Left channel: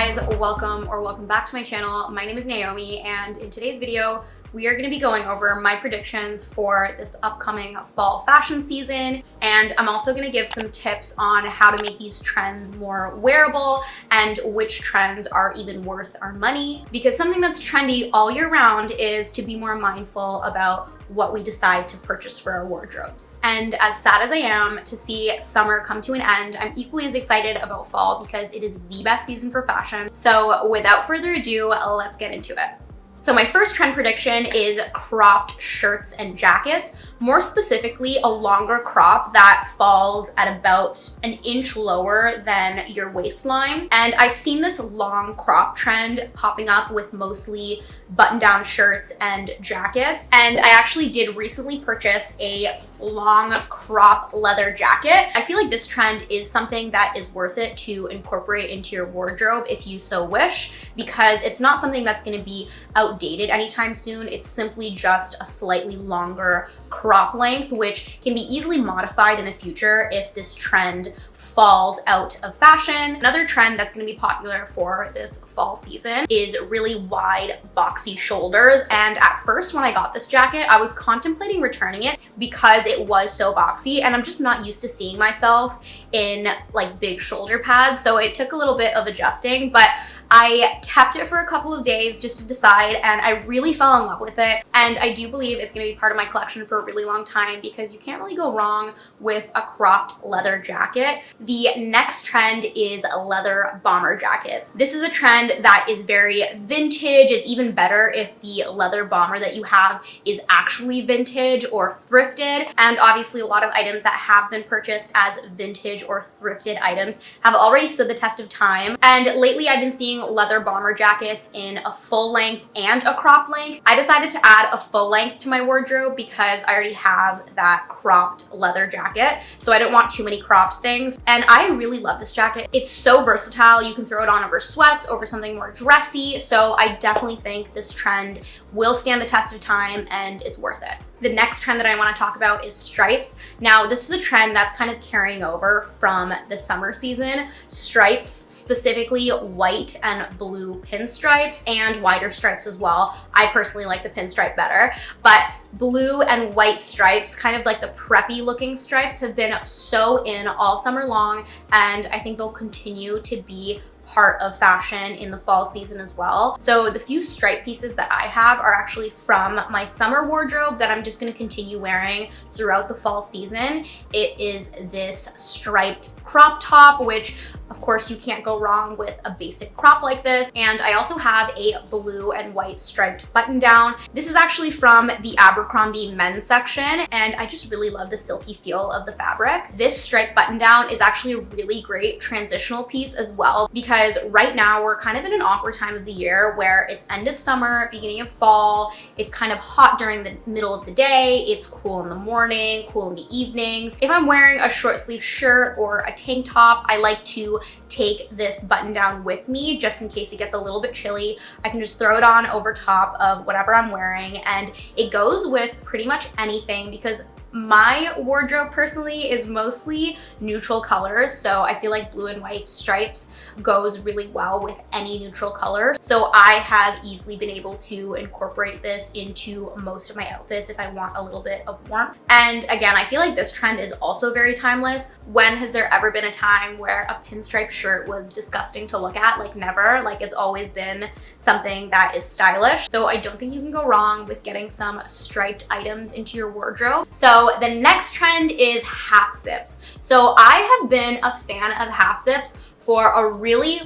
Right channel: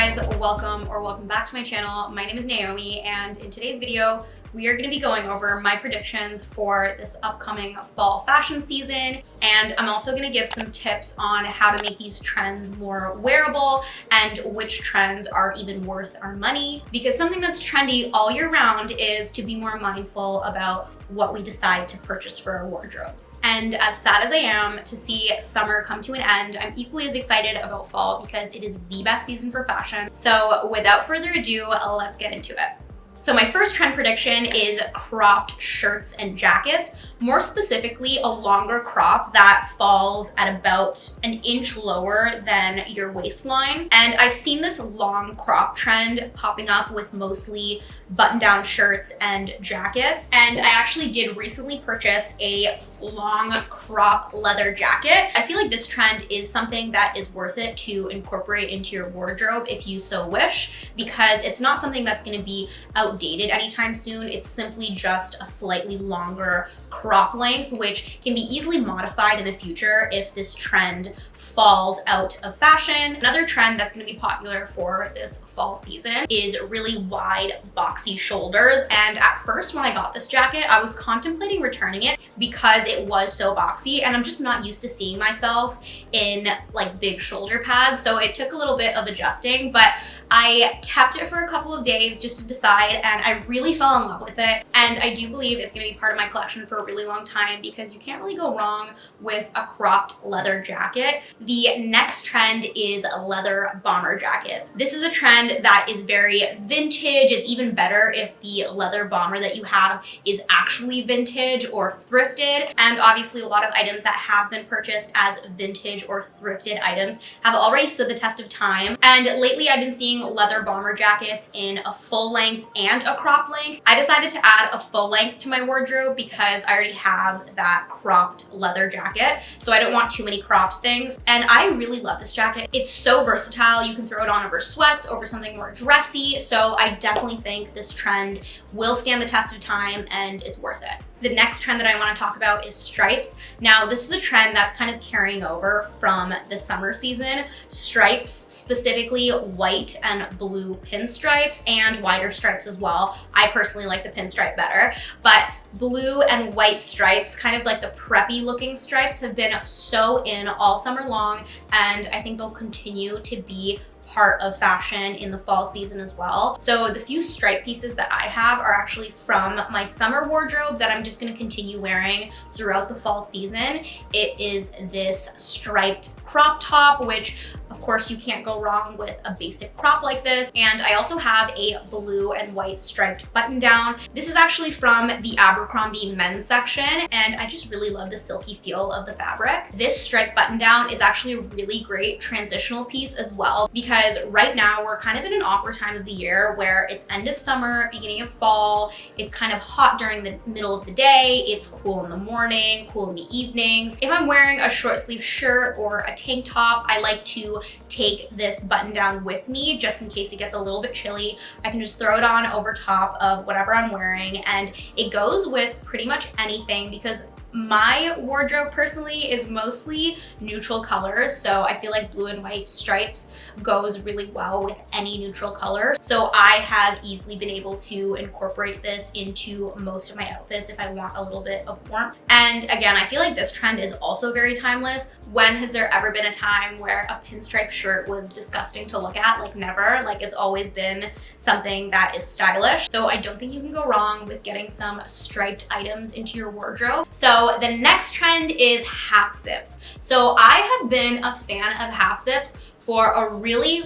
guys, welcome back to my channel. My name is Naomi, and in today's video, we are gonna be going over my predictions for this upcoming fall fashion season. And I'm also gonna give some tips on how to make these trends more wearable and which trends are even worth our money. Because something that's trendy all year round is to be more mindful about what we decide to purchase for our wardrobes. And as sad as I am to see summer come to an end, I'm equally as excited about fall because it is the best season for fashion. So without further ado, let's get into it. So my first trend prediction is cropped shirts and jackets, more specifically a longer crop that falls at about an inch lower than your waistline. And I've seen this long crop trend popping up with mostly button-down shirts and jackets. And I actually did recently purchase a long crop leather jacket. I feel like this trend is something that is worth it to incorporate into your wardrobe if you so wish, because it's not something that's gonna be outdated anytime soon. It's simply just a slightly longer crop length, which can be easily modified in the future if this trend falls out of fashion. Another trend that's gonna be popular for this fall season is really wide boxy shoulders. And at first when I got this jacket, I was contemplating returning it because it was so boxy and I'm just not used to seeing myself in like big shoulder pads. So it took a little bit of adjusting, but I kept it for a couple of days just to decide, and I really fell in love with it. And I do believe it's gonna be part of my collection for a really long time because you can't really go wrong with a cropped leather jacket. The next trend is leather bomber jackets. This is a trend that is very vintage. It's even better if the leather bomber that you have is actually vintage or thrifted. And obviously a lot of items that have been purchased as vintage or thrifted items have already stood the test of time. And lately I've been seeing leather bomber jackets in a full length and a crop length. I decided to add a full length to my wardrobe because I already have that cropped leather jacket. So I don't want too many cropped things. And I really love this jacket. It's so versatile. You can throw it on over sweats, over something more dressy. So I definitely think this trend will stand the test of time and it's worth it. The next trend that I want to talk about is stripes. Now, this is a trend that's kind of carrying over from the summer season. Stripes, specifically white and blue pinstripes and wider stripes as well. I personally like the pinstripe better, but blue and white stripes, kind of like the preppy looking stripes, have been so in all summer long, and I think they'll continue to be part of fashion in the fall season as well. So the few stripe pieces that I have are actually from my summer wardrobe that I'm just gonna continue wearing throughout the fall season. It is this striped crop top, which of course you can't go wrong with a basic crop like this. And I also have a blue and white striped button down. This is actually from the Abercrombie men's section, and I just really love the silky feel of the fabric. This striped button down is actually a really great transitional piece as well, because right now we're kind of in an awkward time of the year where it's end of summer, beginning of fall. It's kind of hot during the middle of the day. It's cool in the morning, cool in the evenings. If I'm wearing a short sleeve shirt or a tank top, I like to take this button down with me just in case it gets a little bit chilly. I can just throw it on over top of whatever I'm wearing, and it goes with pretty much anything because my wardrobe personally is mostly neutral colors, so I feel like blue and white stripes goes really well with any neutral color. So I have easily been able to incorporate this into most of my outfits if I want a little bit of warmth. And again, I feel like this trend is also very timeless. When has there ever been a time where a pinstripe shirt was disgusting to look at? Like never. Like it's always been something that is stylish. So I don't think you can go wrong with getting some striped items into your wardrobe. So the next trend is half zips. So I have been a fan of half zips for a really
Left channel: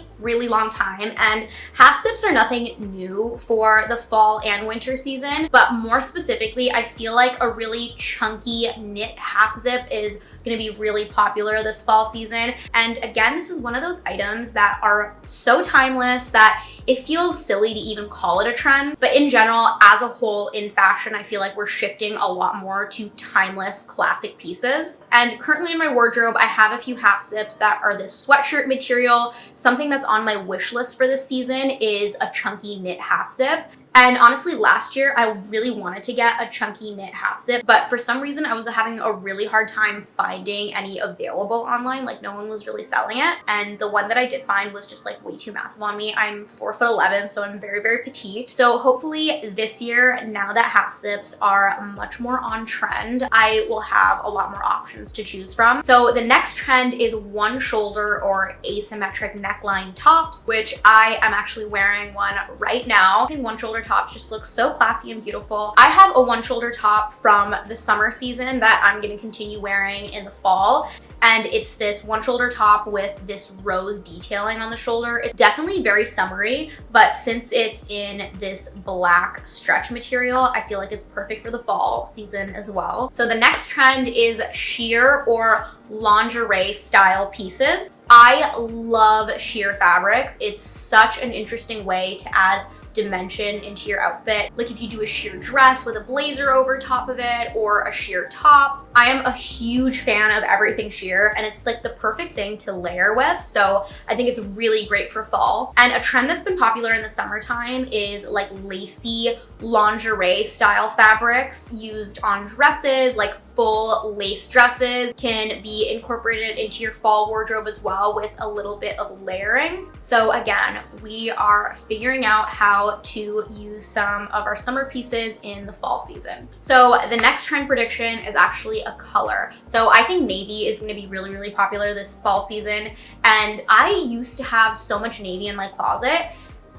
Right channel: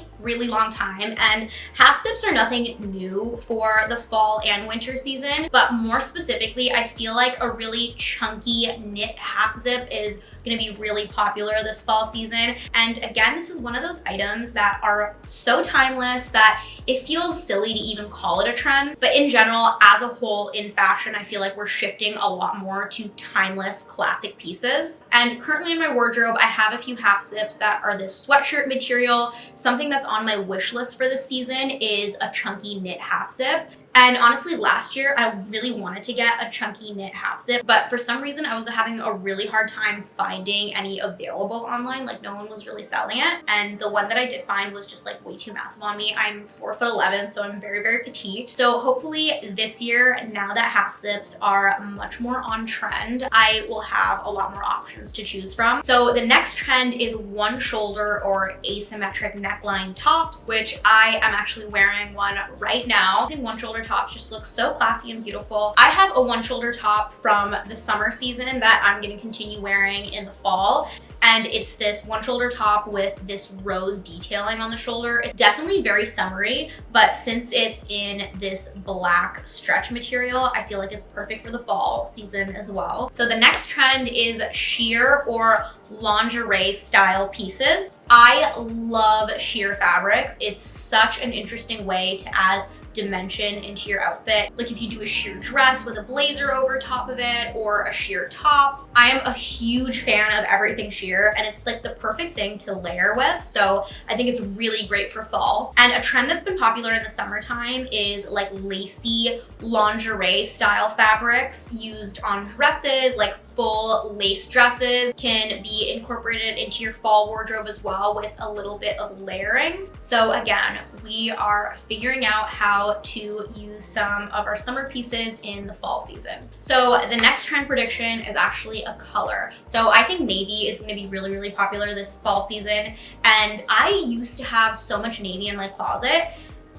long time, and half zips are nothing new for the fall and winter season, but more specifically, I feel like a really chunky knit half zip is gonna be really popular this fall season. And again, this is one of those items that are so timeless that it feels silly to even call it a trend. But in general, as a whole in fashion, I feel like we're shifting a lot more to timeless classic pieces. And currently in my wardrobe, I have a few half zips that are this sweatshirt material. Something that's on my wish list for this season is a chunky knit half zip. And honestly, last year, I really wanted to get a chunky knit half zip, but for some reason, I was having a really hard time finding any available online. Like, no one was really selling it. And the one that I did find was just like way too massive on me. I'm 4'11", so I'm very, very petite. So hopefully this year, now that half zips are much more on trend, I will have a lot more options to choose from. So the next trend is one shoulder or asymmetric neckline tops, which I am actually wearing one right now. I think one shoulder tops just look so classy and beautiful. I have a one shoulder top from the summer season that I'm gonna continue wearing in the fall. And it's this one shoulder top with this rose detailing on the shoulder. It's definitely very summery, but since it's in this black stretch material, I feel like it's perfect for the fall season as well. So the next trend is sheer or lingerie style pieces. I love sheer fabrics. It's such an interesting way to add dimension into your outfit. Like if you do a sheer dress with a blazer over top of it or a sheer top. I am a huge fan of everything sheer and it's like the perfect thing to layer with. So I think it's really great for fall. And a trend that's been popular in the summertime is like lacy lingerie style fabrics used on dresses, like full lace dresses can be incorporated into your fall wardrobe as well with a little bit of layering. So again, we are figuring out how to use some of our summer pieces in the fall season. So the next trend prediction is actually a color. So I think navy is gonna be really, really popular this fall season. And I used to have so much navy in my closet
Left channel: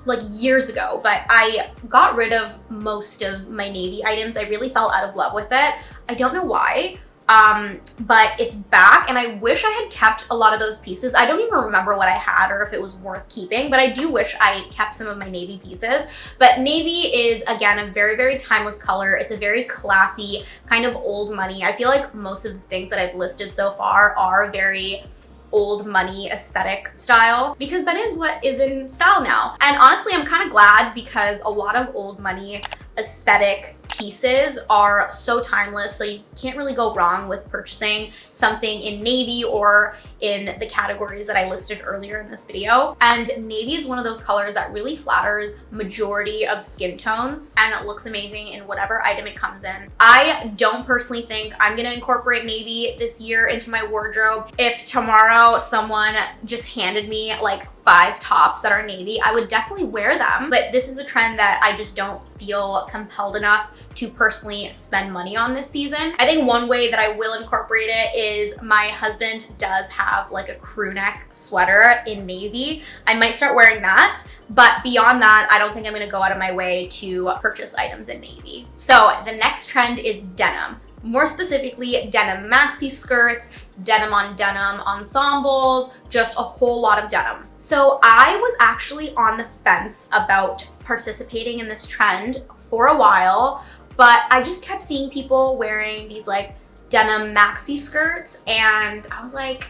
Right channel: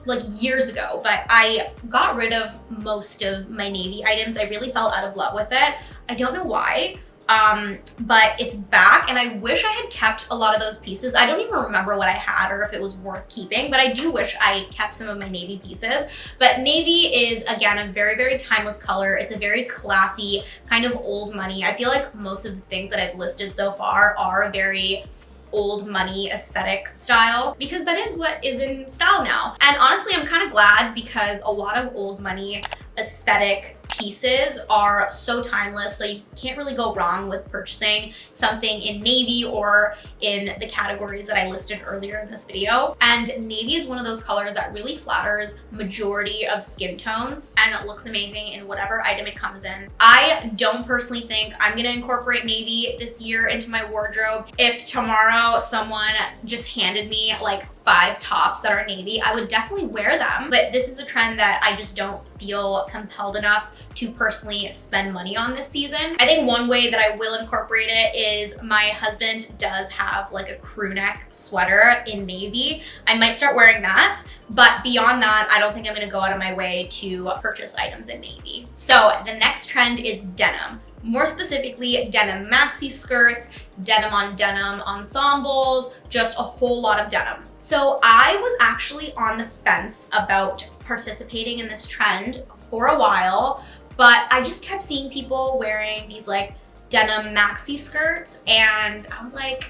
like years ago, but I got rid of most of my navy items. I really fell out of love with it. I don't know why, but it's back and I wish I had kept a lot of those pieces. I don't even remember what I had or if it was worth keeping, but I do wish I kept some of my navy pieces. But navy is, again, a very, very timeless color. It's a very classy, kind of old money. I feel like most of the things that I've listed so far are very old money aesthetic style because that is what is in style now. And honestly, I'm kind of glad because a lot of old money aesthetic pieces are so timeless, so you can't really go wrong with purchasing something in navy or in the categories that I listed earlier in this video. And navy is one of those colors that really flatters majority of skin tones and it looks amazing in whatever item it comes in. I don't personally think I'm gonna incorporate navy this year into my wardrobe. If tomorrow someone just handed me like 5 tops that are navy, I would definitely wear them. But this is a trend that I just don't feel compelled enough to personally spend money on this season. I think one way that I will incorporate it is my husband does have like a crew neck sweater in navy. I might start wearing that, but beyond that, I don't think I'm gonna go out of my way to purchase items in navy. So the next trend is denim. More specifically, denim maxi skirts, denim on denim ensembles, just a whole lot of denim. So I was actually on the fence about participating in this trend for a while, but I just kept seeing people wearing these like denim maxi skirts and I was like,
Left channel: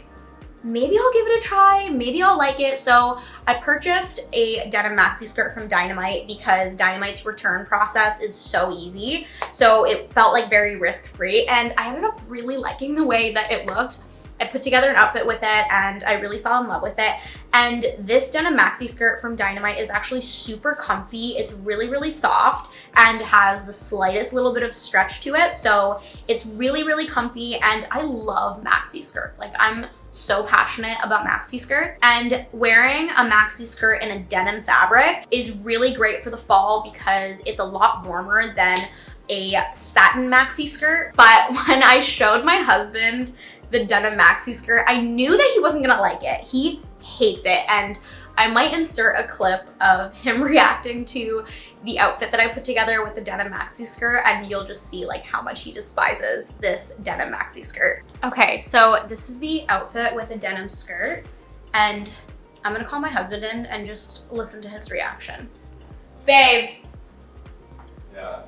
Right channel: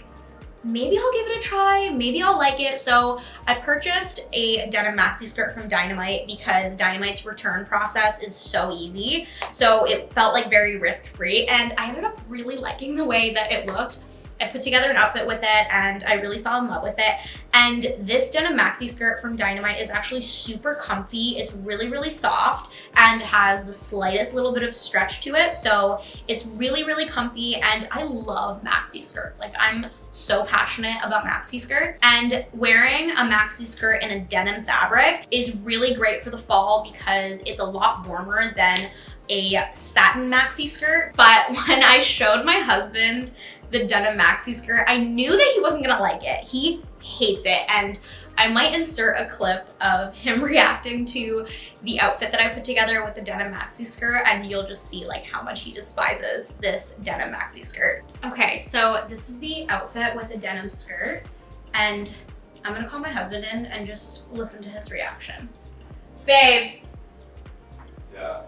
maybe I'll give it a try, maybe I'll like it. So I purchased a denim maxi skirt from Dynamite because Dynamite's return process is so easy. So it felt like very risk-free and I ended up really liking the way that it looked. I put together an outfit with it and I really fell in love with it. And this denim maxi skirt from Dynamite is actually super comfy. It's really, really soft and has the slightest little bit of stretch to it. So it's really, really comfy and I love maxi skirts. Like I'm so passionate about maxi skirts and wearing a maxi skirt in a denim fabric is really great for the fall because it's a lot warmer than a satin maxi skirt. But when I showed my husband the denim maxi skirt, I knew that he wasn't gonna like it. He hates it and I might insert a clip of him reacting to the outfit that I put together with the denim maxi skirt and you'll just see like how much he despises this denim maxi skirt. Okay, so this is the outfit with the denim skirt and I'm gonna call my husband in and just listen to his reaction. Babe. Yeah.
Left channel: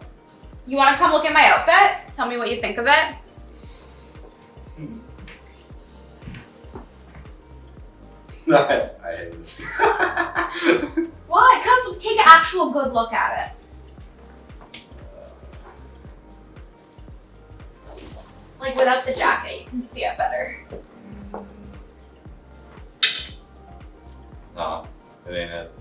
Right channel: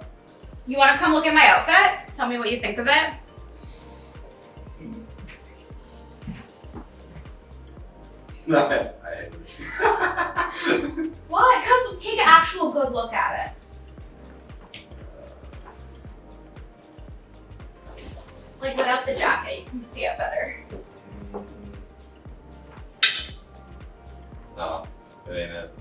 You wanna come look at my outfit? Tell me what you think of it. What? Come take an actual good look at it. Like without the jacket, you can see it better. No, it ain't it.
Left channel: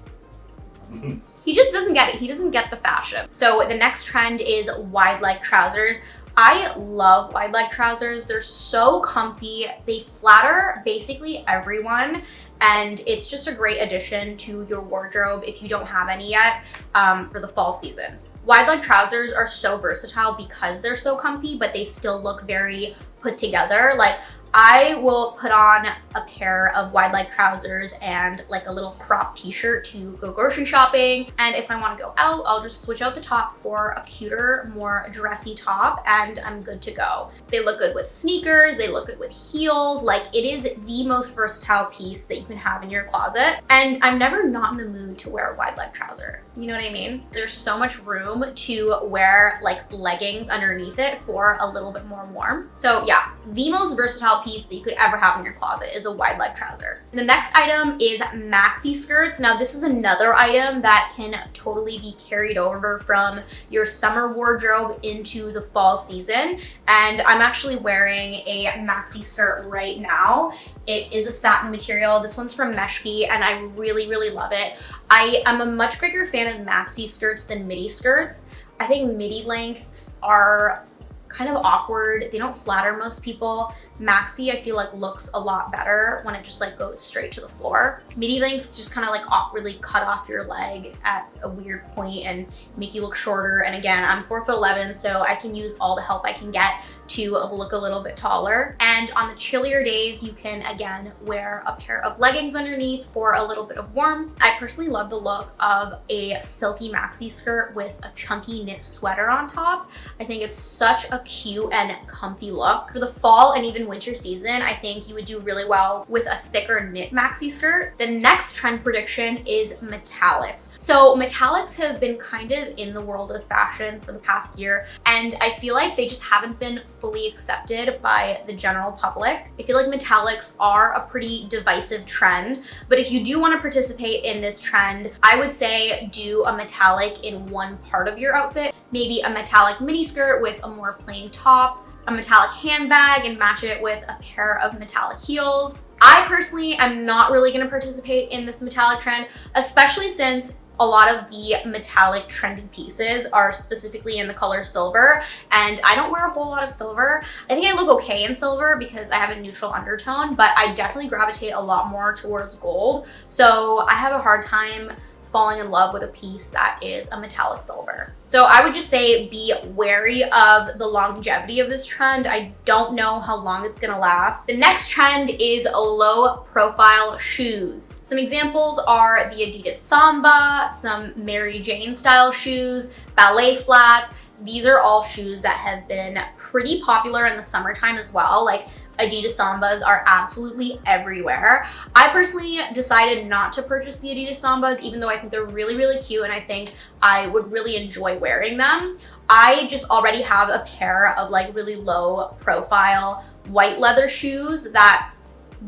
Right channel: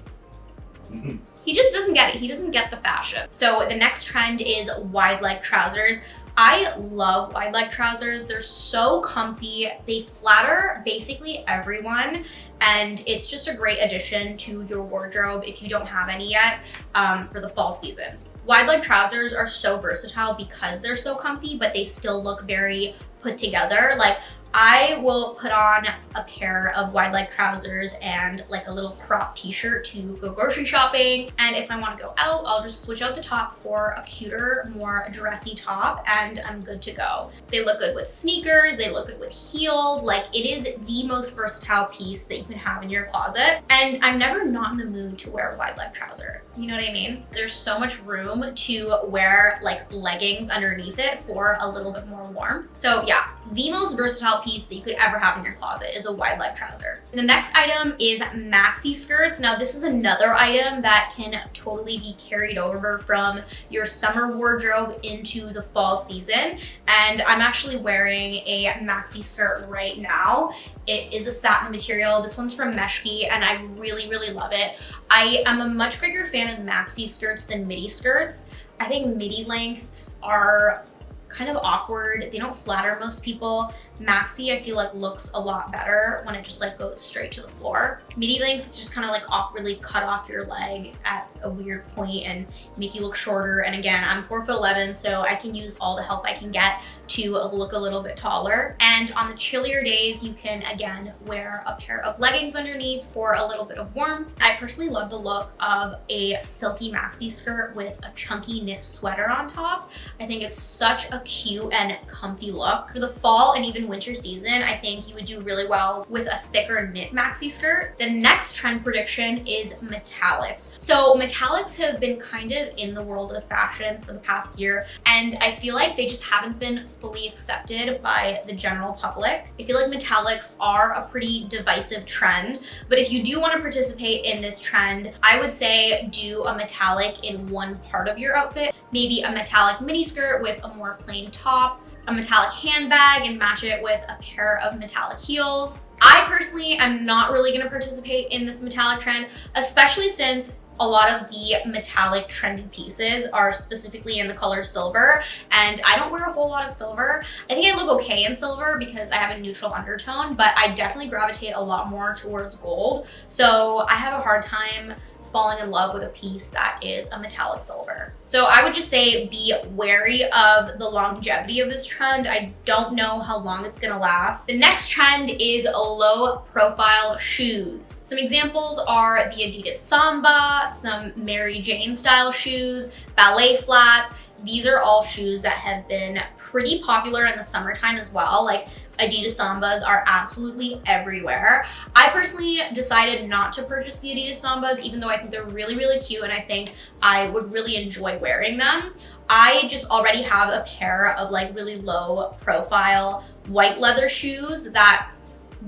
He just doesn't get it. He doesn't get the fashion. So the next trend is wide leg trousers. I love wide leg trousers. They're so comfy. They flatter basically everyone. And it's just a great addition to your wardrobe if you don't have any yet for the fall season. Wide leg trousers are so versatile because they're so comfy, but they still look very put together. Like I will put on a pair of wide leg trousers and like a little crop t-shirt to go grocery shopping. And if I want to go out, I'll just switch out the top for a cuter, more dressy top and I'm good to go. They look good with sneakers, they look good with heels. Like it is the most versatile piece that you can have in your closet. And I'm never not in the mood to wear a wide leg trouser. You know what I mean? There's so much room to wear like leggings underneath it for a little bit more warmth. So yeah, the most versatile piece that you could ever have in your closet is a wide leg trouser. The next item is maxi skirts. Now this is another item that can totally be carried over from your summer wardrobe into the fall season. And I'm actually wearing a maxi skirt right now. It is a satin material. This one's from Maxi and I really, really love it. I am a much bigger fan of maxi skirts than midi skirts. I think midi lengths are kind of awkward. They don't flatter most people. Maxi, I feel like looks a lot better when it just like goes straight to the floor. Midi lengths just kind of like awkwardly cut off your leg at a weird point and make you look shorter. And again, I'm 4'11", so I can use all the help I can get to look a little bit taller. And on the chillier days, you can again wear a pair of leggings underneath for a little bit of warmth. I personally love the look of a silky maxi skirt with a chunky knit sweater on top. I think it's such a cute and comfy look. For the fall and even winter season, I think you would do really well with a thicker knit maxi skirt. The next trend prediction is metallics. So metallics have been kind of in the world of fashion for the past year, and I feel like they just haven't been fully accepted by the general public. I feel like metallics are a pretty divisive trend, but if you do want to participate in this trend, I would say do a metallic in one part of your outfit, maybe a metallic mini skirt with a more plain top, a metallic handbag and match it with a pair of metallic heels. I personally am not really gonna participate in this metallic trend, especially since a lot of the metallic trendy pieces are specifically in the color silver, and I don't wear a whole lot of silver. I think I look okay in silver because I have a neutral undertone, but I definitely gravitate a lot more towards gold. So I have a hard time falling in love with a piece that is a metallic silver. So I would just say be wary of the longevity of this trend. I don't know how long it's gonna last. The next trend is low profile shoes. Some examples are the Adidas Samba, some Mary Jane style shoes, ballet flats. These are all shoes that have been pretty popular in the summertime as well. Like Adidas Sambas are absolutely everywhere. I personally decided not to purchase the Adidas Sambas, even though I think they're really, really cute and I think I would really enjoy wearing them. I just already have a pair of like really low profile white leather shoes that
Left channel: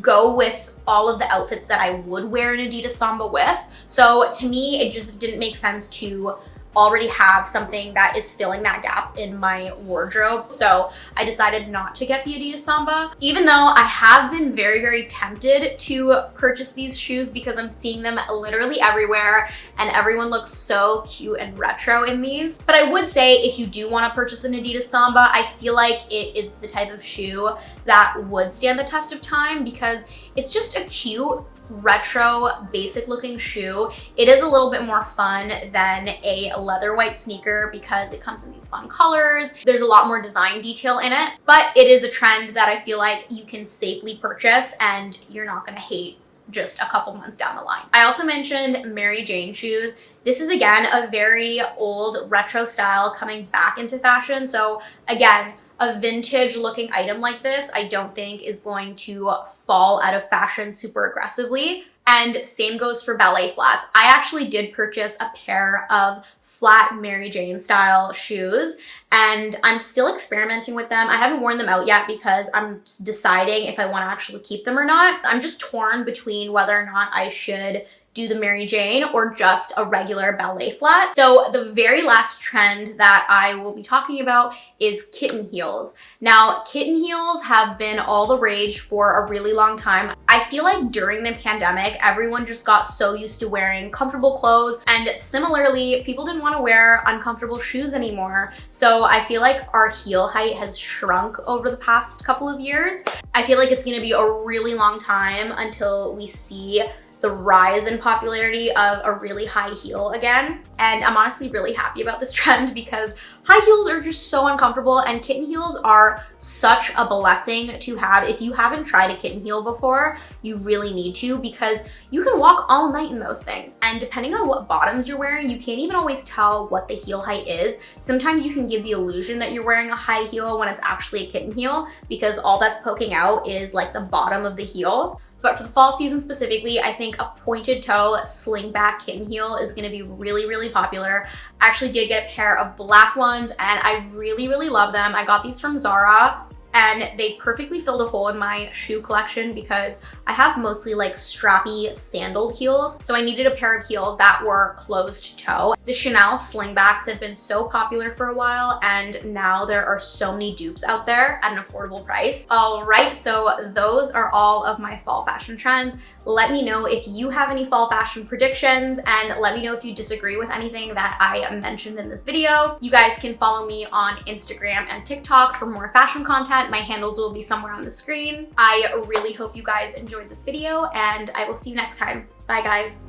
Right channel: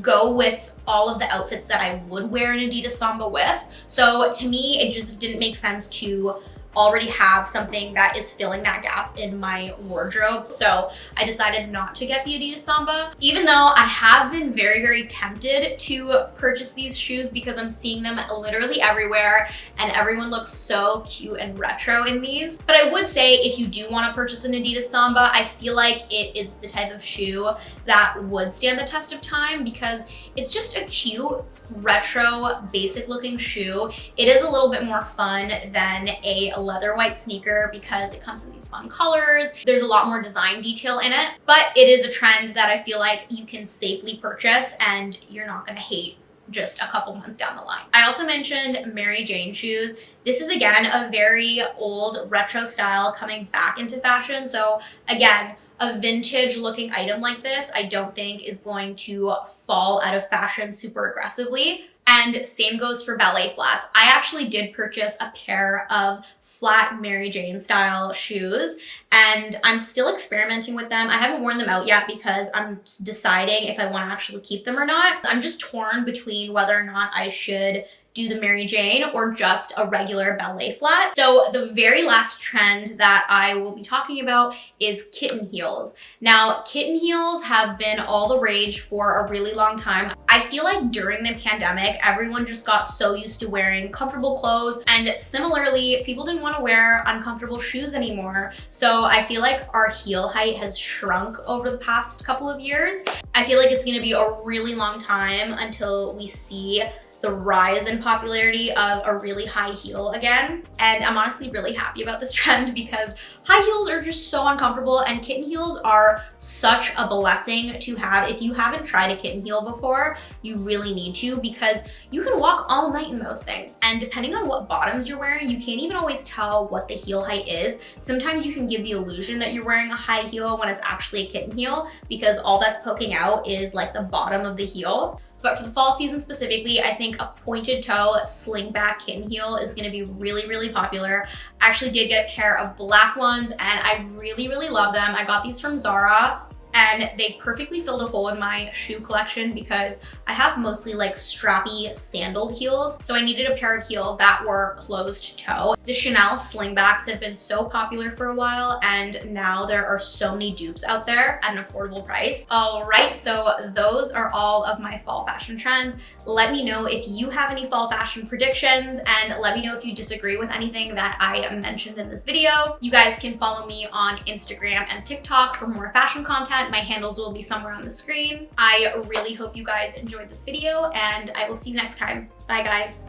go with all of the outfits that I would wear an Adidas Samba with. So to me, it just didn't make sense to already have something that is filling that gap in my wardrobe. So I decided not to get the Adidas Samba, even though I have been very, very tempted to purchase these shoes because I'm seeing them literally everywhere and everyone looks so cute and retro in these. But I would say if you do want to purchase an Adidas Samba, I feel like it is the type of shoe that would stand the test of time because it's just a cute, retro, basic looking shoe. It is a little bit more fun than a leather white sneaker because it comes in these fun colors. There's a lot more design detail in it, but it is a trend that I feel like you can safely purchase and you're not gonna hate just a couple months down the line. I also mentioned Mary Jane shoes. This is again a very old retro style coming back into fashion. So again, a vintage looking item like this, I don't think is going to fall out of fashion super aggressively. And same goes for ballet flats. I actually did purchase a pair of flat Mary Jane style shoes and I'm still experimenting with them. I haven't worn them out yet because I'm deciding if I want to actually keep them or not. I'm just torn between whether or not I should do the Mary Jane or just a regular ballet flat. So the very last trend that I will be talking about is kitten heels. Now, kitten heels have been all the rage for a really long time. I feel like during the pandemic, everyone just got so used to wearing comfortable clothes, and similarly, people didn't want to wear uncomfortable shoes anymore. So I feel like our heel height has shrunk over the past couple of years. I feel like it's going to be a really long time until we see the rise in popularity of a really high heel again. And I'm honestly really happy about this trend because high heels are just so uncomfortable, and kitten heels are such a blessing to have. If you haven't tried a kitten heel before, you really need to, because you can walk all night in those things. And depending on what bottoms you're wearing, you can't even always tell what the heel height is. Sometimes you can give the illusion that you're wearing a high heel when it's actually a kitten heel, because all that's poking out is like the bottom of the heel. But for the fall season specifically, I think a pointed toe slingback kitten heel is gonna be really, really popular. I actually did get a pair of black ones and I really, really love them. I got these from Zara, and they perfectly filled a hole in my shoe collection because I have mostly like strappy sandaled heels. So I needed a pair of heels that were closed toe. The Chanel slingbacks have been so popular for a while, and now there are so many dupes out there at an affordable price. All right, so those are all of my fall fashion trends. Let me know if you have any fall fashion predictions, and let me know if you disagree with anything that I mentioned in this video. You guys can follow me on Instagram and TikTok for more fashion content. My handles will be somewhere on the screen. I really hope you guys enjoyed this video, and I will see you next time. Bye, guys.